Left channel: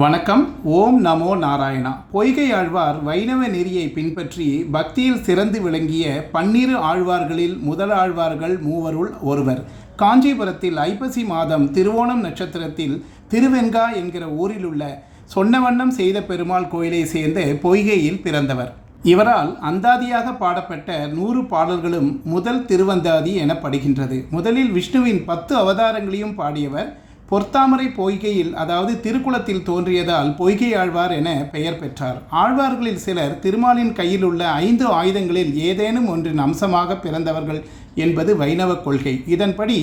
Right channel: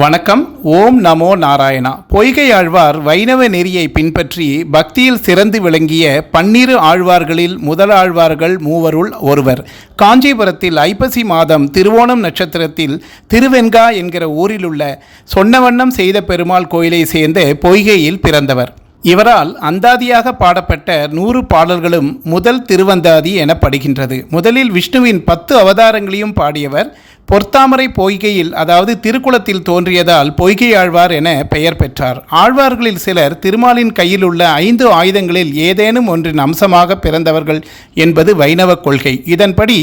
வணக்கம். ஓம் நமோ நாராயணா. பொய்கை ஆழ்வார் வைணவ நெறியை பின்பற்றி பக்தியில் சிறந்து விளங்கிய 12 ஆழ்வார்களில் முதல் ஆழ்வார்கள் மூவருள் ஒருவர். காஞ்சிபுரத்தில் ஐப்பசி மாதம் திருவோணம் நட்சத்திரத்தில் திருவெண்கா என்கிற ஊரிலுள்ள சொன்னவண்ணம் செய்த பெருமாள் கோயிலை சேர்ந்த பொய்கையில் பிறந்தவர். இவரால் அந்தாதியாக பாடப்பட்ட 100 பாடல்களும் முதல் திருவந்தாதி எனப்படுகின்றது. முதலில் விஷ்ணுவின் 10 அவதாரங்களையும் பாடியவர். பொற்தாமரை பொய்கையில், அதாவது திருக்குளத்தில் தோன்றியதால் பொய்கை ஆழ்வார் என பெயர் பெற்றார். ஆழ்வார்களில் சிலர் திருமாலின் கையில் உள்ள 5 ஆயுதங்களில் ஏதேனும் ஒன்றின் அம்சமாக பிறந்தவர்கள் என்பது வைணவ கொள்கை. இதன்படி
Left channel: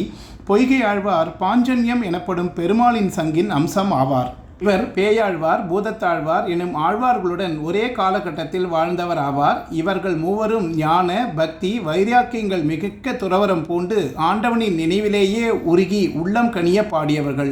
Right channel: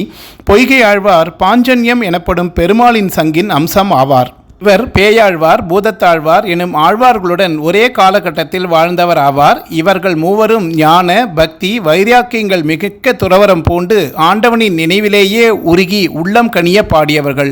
பொய்கை ஆழ்வார் பாஞ்சன்யம் எனப்படும் பெருமாளின் சங்கின் அம்சம் ஆவார். இவர் பேயாழ்வார், பூதத்தாழ்வார் எனும் ஆழ்வார்களுடன் ஒரே காலகட்டத்தில் வாழ்ந்தவர் ஆவார். இவர்கள் மூவரும் ஞான, பக்தி, வைராக்கியங்கள் மிக்க துறவரம் பூண்டு ஆண்டவனின் நினைவிலேயே உருகி உள்ளம் கனிய பாடியவர்கள்.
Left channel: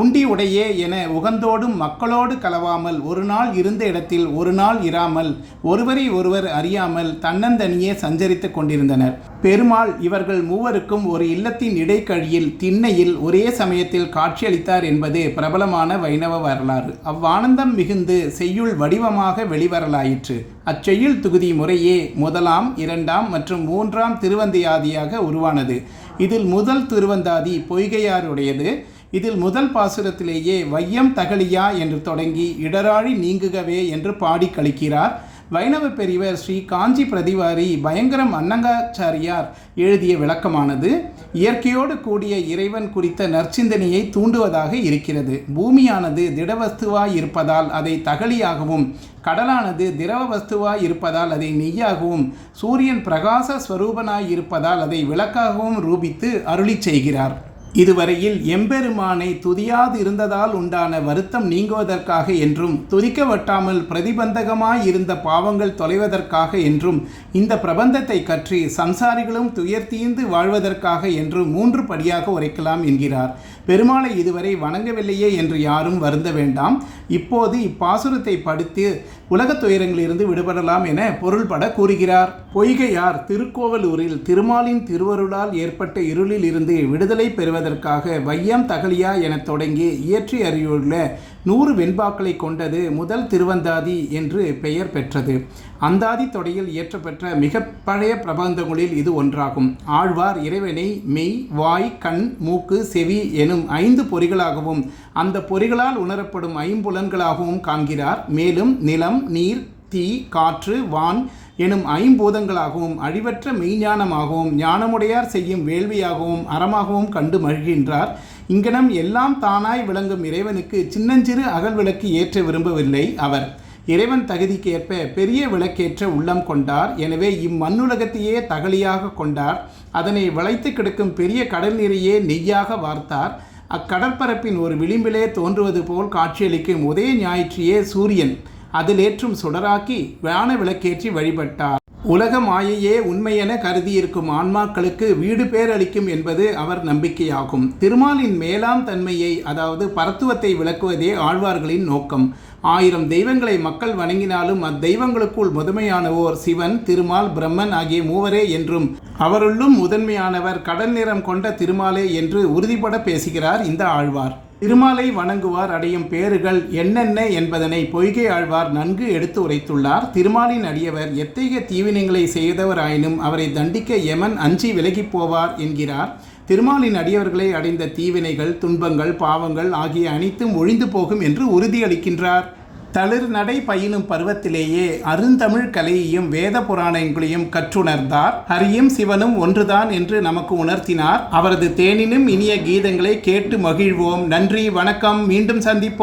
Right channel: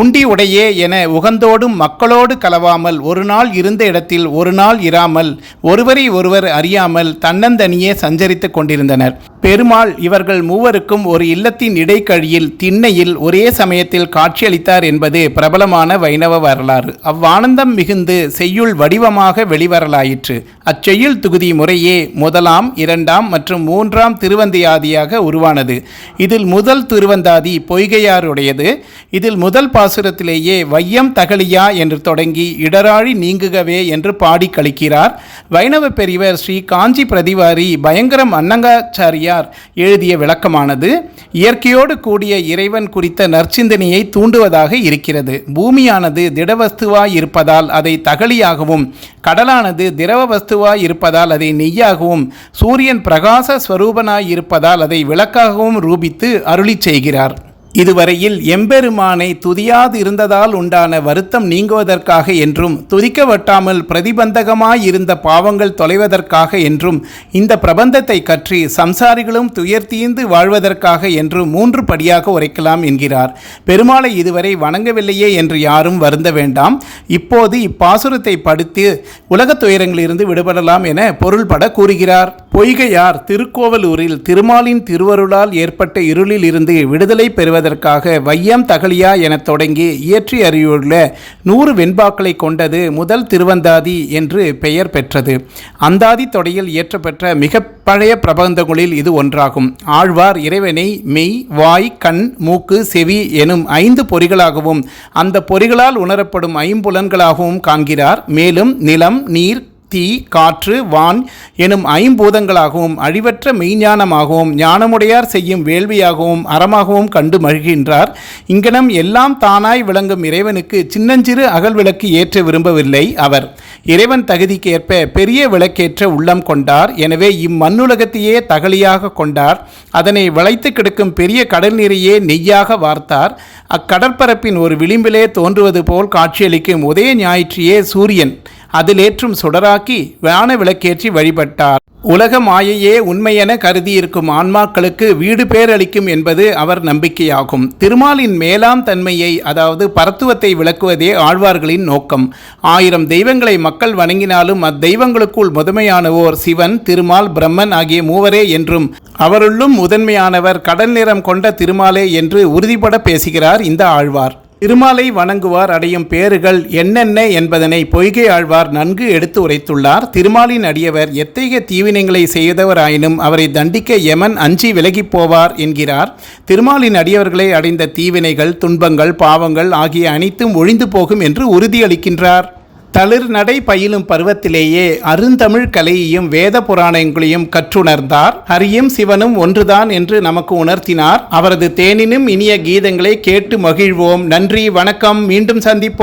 உண்டி உடையே என உகந்தோடும் மக்களோடு கலவாமல், ஒரு நாள் இருந்த இடத்தில் ஒரு நாள் இராமல், ஒருவரை ஒருவர் அறியாமல் தன்னந்தனியே சஞ்சரித்துக் கொண்டிருந்தனர். பெருமாள் இவர்கள் மூவருக்கும் ஒரு இல்லத்தின் இடைக்கழியில் திண்ணையில் ஒரே சமயத்தில் காட்சியளித்தார் என்பது பிரபலமான வைணவ வரலாறு. அவ்வானந்தம் மிகுந்து செய்யுள் வடிவமாக வெளிவரலாயிற்று. அச்செய்யுள் தொகுதி முறையே 1ஆம், 2ஆம் மற்றும் 3ஆம் திருவந்தாதியாக உருவானது. இதில் முதல் திருவந்தாதி பொய்கையாருடையது. இதில் முதல் பாசுரத்திலேயே வையம் தகலியா என்று தொடங்கி இடராழி நீங்குகவே என்று பாடி கழிக்கிறார். வைணவ பெரியவர் ஸ்ரீ காஞ்சி பிரதிவாரி பயங்கரம் அன்னங்காச்சாரியார் எழுதிய விளக்கமானது இயற்கையோடு கூடிய இறைவன் குறித்த நற்சிந்தனையை தூண்டுவதாக இருக்கிறது. பூமியானது திடவஸ்துவாய் இருப்பதால் அதை தகலியாகவும், கடலானது திரவ வஸ்துவாய் இருப்பதால் அதை நெய்யாகவும், சூரியன் பிரகாச ஸ்வரூபனாய் இருப்பதால் அதை விளக்காகவும் ரூபித்து அருளி செய்கிறார். இதுவரையில் எம்பெருமானை துதியாது இருந்ததால் உண்டான வருத்தம் நீங்குவதற்காக என்றும், துதிக்க வட்டாமல் பிரதிபந்தகமாய் இருந்த பாவங்கள் தொலைவதற்காக என்றும், இந்த பிரபந்தத்தை கற்றி சம்சாரிகளும் துயர் தீர்ந்து வாழ்வதற்காக என்றும் 3 படியாக உரைக்கலாம் என்கிறார். பெருமாளை இதுவரை வணங்கவில்லையே என்று யாரும் வருந்த வேண்டாம். இப்போது இப்பாசுரத்தை படித்து உலகத் துயரங்களிலிருந்து விடுபடலாம் என பொருள்பட கூறுகிறார். பொய்கையார் திருக்கோவலூரில் திருமாலின் திருவருளால் ஏற்பட்ட இருளில் இருந்து விடுதலை பெறுவதற்காக வையம் தகலியா என தொடங்கி இயற்றி அறிவுள்ள 100 வெண்பாக்களை கொண்டது முதல் திருவந்தாதி என்று பெயர் பெற்றது. அந்தாதி தொடையில் இயற்றப்பெற்ற மிக பழைய பிரபந்தங்களில் இது ஒன்றாகும். ஆழ்வார் இறைவனை மெய், வாய், கண், மூக்கு, செவி எனும் 5 பொறிகளாகவும் அந்த பொறிகளால் உணரப்படும் 5 புலன்களாகவும் காண்கிறார். மேலும் நிலம், நீர், தீ, காற்று, வான் எனும் 5 பூதங்களாகவும் அழிவற்ற மெய்ஞானமாகவும் ஞானமுடையார் செய்யும் வேள்வியாகவும் அறமாகவும் கண்டு மகிழ்கின்றார். இங்கனம் எல்லாம் தானாய் விளங்கும் இறைவனுக்கு சின்னஞ்சிறு அகல் விளக்கு ஏற்ற விரும்பவில்லை அவர். இறைவன் தகுதிக்கு ஏற்ப பெரிய விளக்கேற்ற உள்ளம் கொண்டார். எனவே இம்மண்ணுலகத்தையே தகலியாக கொண்டார். அதனை வளைத்து கிடக்கும் பெரிய கடல் நீரையே நெய்யாக வார்த்தார். அக்கடற்பரப்பின் ஒரு விளிம்பிலே தோன்றுவது போல் காட்சியளிக்கும் உதய ஞாயிற்றியே சூரியன் அதிலேற்றும் சுடராக்கி வான விளக்கேற்றி வழிபட்டார். உலக மாயையே உண்மையென கருதியிருக்கும் ஆன்மாக்களுக்கு வீடு பேரளிக்கும் என்பது அவர் நம்பிக்கையாகும். திருமாலின் மேலாம் தன்மையை, அதாவது பரத்துவத்தை விளக்குவதே ஆழ்வார்களின் நோக்கம். 1000 தெய்வங்களை மக்கள் வணங்கினாலும் அத்தெய்வங்களுக்குள் முதன்மையானவோர் சிவன், திருமால், பிரம்மன் ஆகிய மூவரே என்றும் அவருள்ளும் முதன்மையானவர் கடல் நிறம் கொண்ட திருமாலே என்று உறுதிபட பேசுகிறார் இந்த ஆழ்வார். திருமாலை வணங்குவார் அடையும் பேறுகள் என்னென்ன என்பதனை பொய்கை ஆழ்வார் நன்கு எடுத்து உரைத்துள்ளார். திருமாலின் அடியவர் எத்தகைய தீவினைகளை செய்தவராயினும் அவரை தண்டிக்க யமன் அஞ்சி விலகி போவார் என்கிறார். திருமாலின் அடியவர்களை அடைந்த தீவினைகள், துன்பங்கள், பாவங்கள் ஆகிய அனைத்தும் ஒழிந்து போகும் என்று உறுதியளிக்கின்றார். தளிர் நடை பயிலும் பருவத்திலேயே அருந்தமிழ் கலையையும் வேத புராணங்களையும் கற்றுணர்ந்தார். ஹரியும் சிவனும் ஒன்றுதான் என்று நமக்கு உணர்த்தினார். அவரது தேனினும் இனிய கீதங்களை கேட்டு மகிழ்வோம். நன்றி, வணக்கம். மீண்டும் சந்திப்போம்.